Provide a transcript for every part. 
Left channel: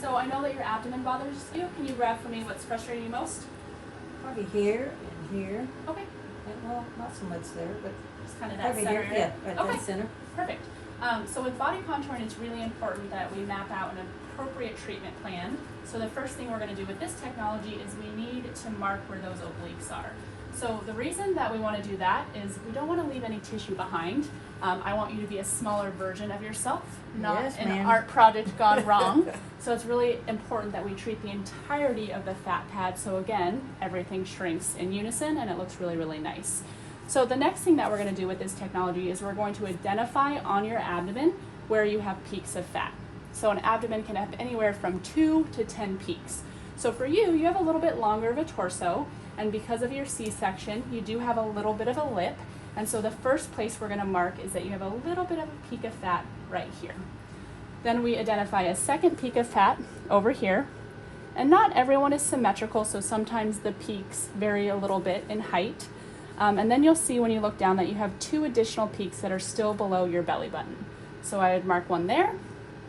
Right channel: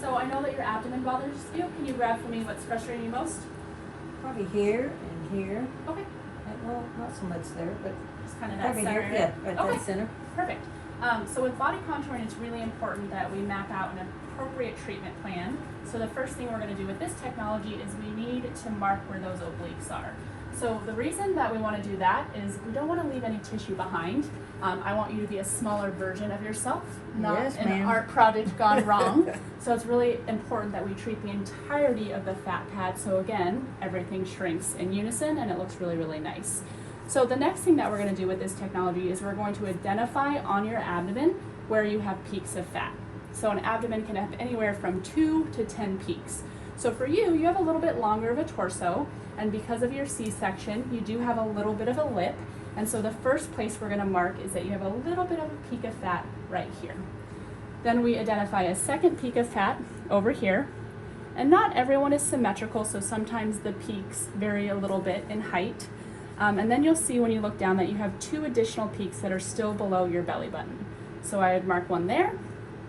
So I know that your abdomen bothers you. Can you grab for me what's frustrating you most? Probably here and here. Okay. And, well, not so much there, but Just kind of that probably center here. area? Yeah, right Okay. dead center. Perfect. So with body contouring, it's really important that we map out an appropriate treatment plan. So the first thing we're going to do with this technology is we need to mark where those obliques are. So the reason that we want to do that is we don't want to leave any tissue behind. I want you to be a smaller version of yourself, not Yes, an ma'am. art project gone wrong. So it's really important that we treat the entirety of the fat pad. So again, everything shrinks in unison and it looks really, really nice. So the next thing that we're going to do with this technology is we're going to identify on your abdomen where you have peaks of fat. So an abdomen can have anywhere from 2 to 10 peaks. So for you, you have a little bit longer of a torso, and because of your C-section, you do have a little bit of a lip. And so the first place we're going to mark is that you have a little bit of a peak of fat right here. Then we identify a second peak of fat over here. And not everyone is symmetrical, so sometimes the peaks vary a little bit in height. And then you'll see when you look down that you have 2 additional peaks that are still below your belly button. So I would mark one there,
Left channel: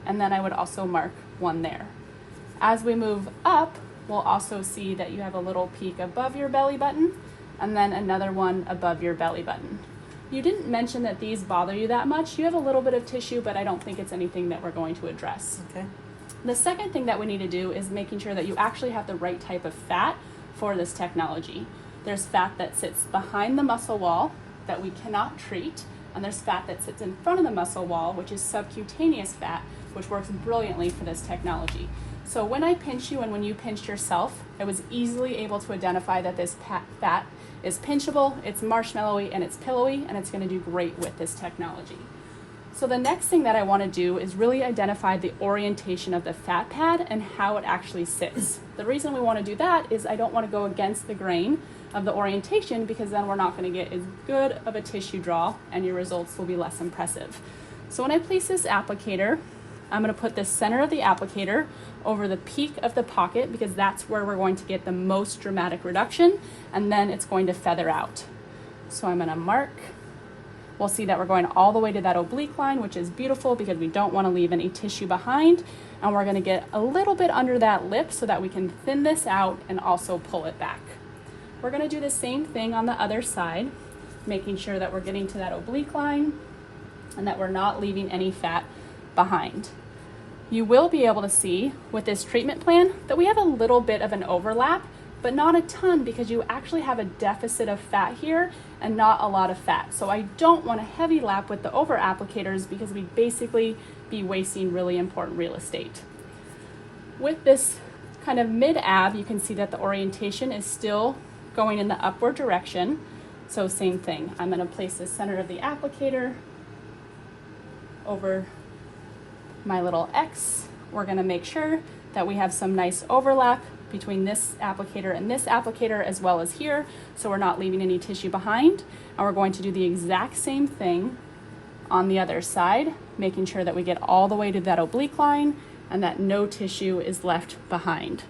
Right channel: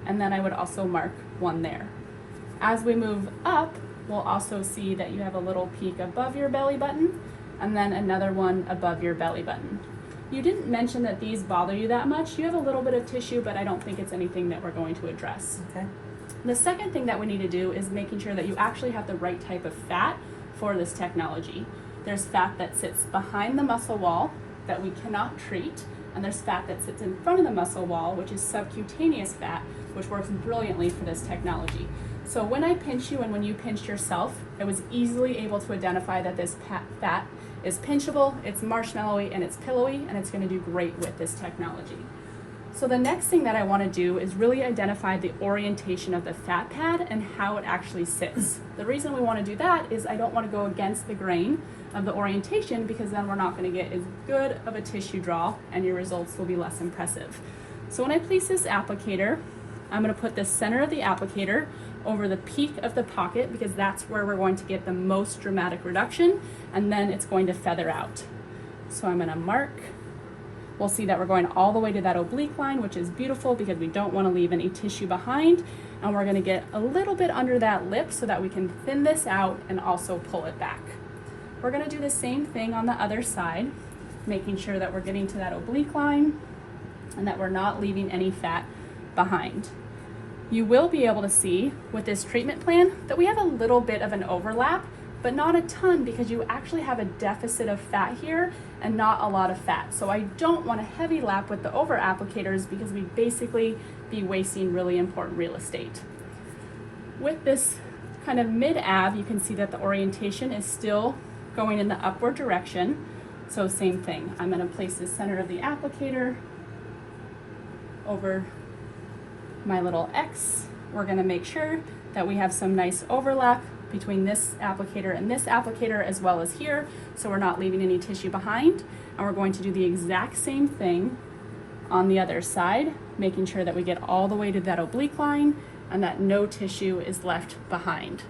and then I would also mark one there. As we move up, we'll also see that you have a little peak above your belly button, and then another one above your belly button. You didn't mention that these bother you that much. You have a little bit of tissue, but I don't think it's anything that we're going to address. Okay. The second thing that we need to do is making sure that you actually have the right type of fat for this technology. There's fat that sits behind the muscle wall that we cannot treat, and there's fat that sits in front of the muscle wall, which is subcutaneous fat, which works brilliantly for this technology. So when I pinch you and when you pinched yourself, I was easily able to identify that this fat is pinchable, it's marshmallowy, and it's pillowy, and it's going to do great with this technology. So the next thing that I want to do is really identify the orientation of the fat pad and how it actually sits. The reason we want to do that is I don't want to go against the grain of the orientation, because then we're not going to get as good of a tissue draw and your results will be less impressive. So when I place this applicator, I'm going to put the center of the applicator over the peak of the pocket, because that's where we're going to get the most dramatic reduction, and then it's going to feather out. So I'm going to mark. We'll see that we're going all the way to that oblique line, which is beautiful because we don't want to leave any tissue behind. And we're going to get a little bit under that lip so that we can thin this out and also pull it back. We're going to do the same thing on the other side, making sure that we're getting to that oblique line and that we're not leaving any fat behind. You will be able to see with this treatment plan that we have a little bit of an overlap, but not a ton, because you actually have a deficit of fat here and not a lot of fat. So I don't want a heavy lap with the over applicators, because we basically be wasting really important real estate. With this kind of mid ab, you can see that the orientation is still going in the upward direction. So same thing, I'm going to place the center of the applicator over my little X. We're going to make sure that we have some nice overlap between this applicator and this applicator, as well as here, so we're not leaving any tissue behind. And we're going to do the exact same thing on the other side, making sure that we get all the way to that oblique line and that no tissue is left behind.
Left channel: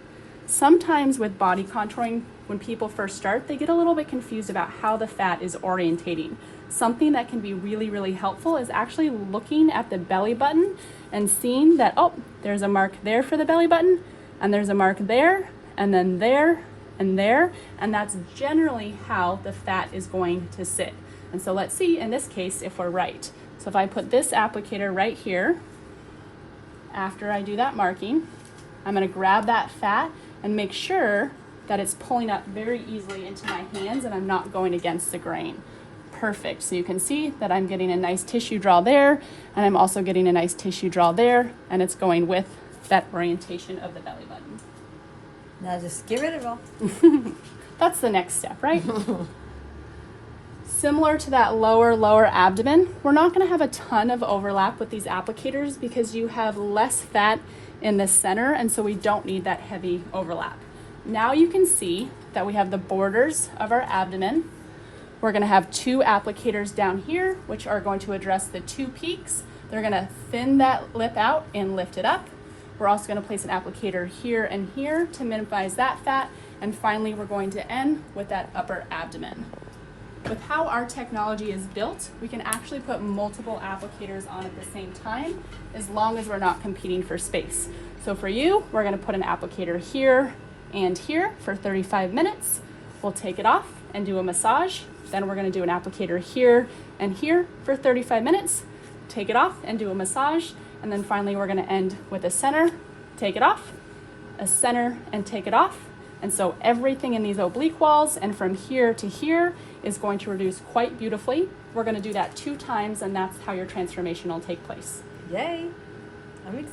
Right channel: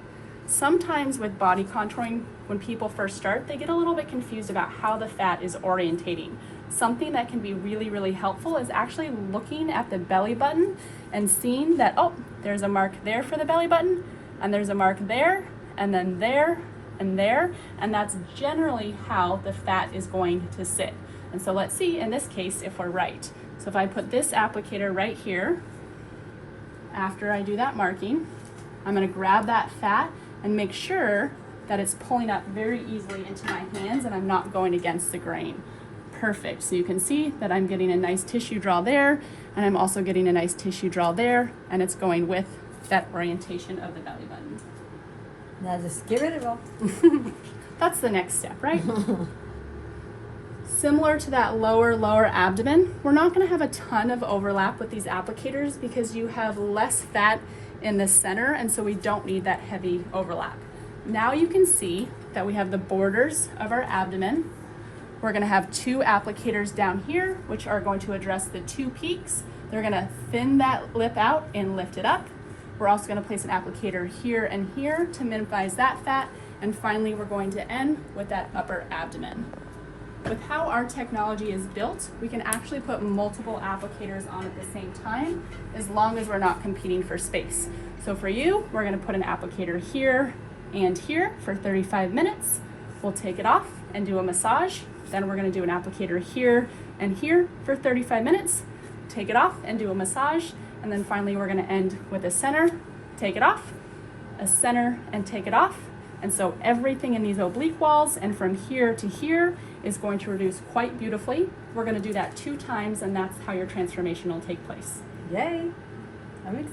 Sometimes with body contouring, when people first start, they get a little bit confused about how the fat is orientating. Something that can be really, really helpful is actually looking at the belly button and seeing that, oh, there's a mark there for the belly button, and there's a mark there, and then there, and there, and that's generally how the fat is going to sit. And so let's see in this case if we're right. So if I put this applicator right here, after I do that marking, I'm going to grab that fat and make sure that it's pulling up very easily into my hands and I'm not going against the grain. Perfect. So you can see that I'm getting a nice tissue draw there, and I'm also getting a nice tissue draw there, and it's going with that orientation of the belly button. Now just get rid of all. That's the next step, right? Similar to that lower abdomen, we're not going to have a ton of overlap with these applicators because you have less fat in the center, and so we don't need that heavy overlap. Now you can see that we have the borders of our abdomen. We're going to have 2 applicators down here, which are going to address the 2 peaks. They're going to thin that lip out and lift it up. We're also going to place an applicator here and here to minimize that fat. And finally, we're going to end with that upper abdomen. With how our technology is built, we can actually put multiple applicators on at the same time, as long as we're not competing for space. So for you, we're gonna put an applicator here and here for 35 minutes. We'll take it off and do a massage. Then we're gonna do an applicator here and here for 35 minutes, take it off and do a massage. And then finally, we're gonna end with a center, take it off, a center and take it off. And so everything in these oblique walls and from here to here is going to reduce quite beautifully. We're gonna do that 2 times, and that's how your transformation will take place. Yay. I'm excited.